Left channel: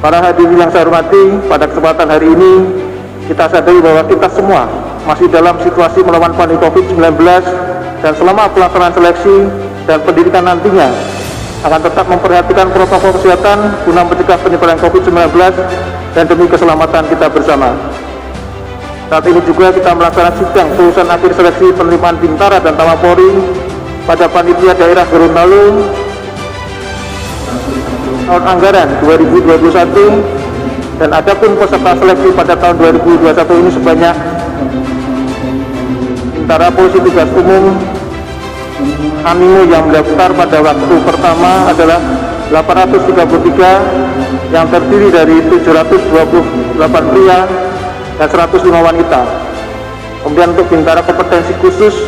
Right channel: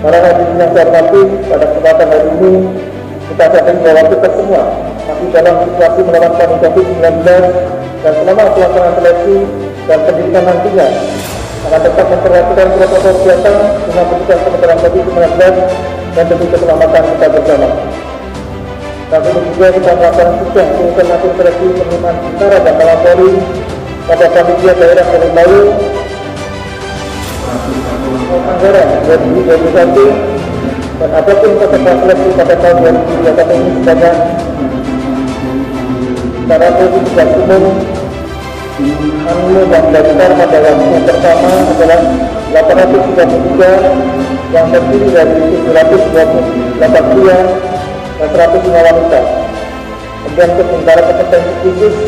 Para hadirin yang saya hormati, pada kesempatan hari ini kita sadari bahwa kita semua masih dalam situasi melawan pandemi COVID-19 dan selama pelaksanaan seleksi dan pendidikan nantinya akan tetap memperhatikan protokol kesehatan guna mencegah penyebaran COVID-19 dan demi keselamatan kita bersama. Saat ini juga kita melaksanakan sidang kelulusan akhir seleksi penerimaan Bintara dan Taman Polri pada panitia daerah Gorontalo tahun anggaran 2021, dan adapun peserta seleksi pada tahun 2021 ini sebanyak Bintara Polisi Tugas Umum Hamil yang mendaftar pada waktu pertama adalah 833 yang terdiri dari 728 pria dan 105 wanita. Kemudian untuk Bintara kompetensi khusus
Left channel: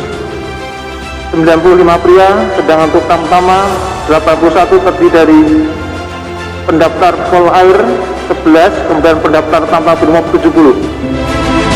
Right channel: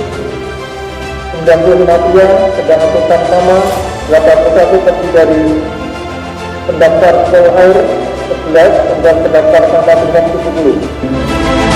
95 pria, sedang untuk tamtama 81 terdiri dari pendaftar pol air 11, kemudian pendaftar tanpa brimob 70.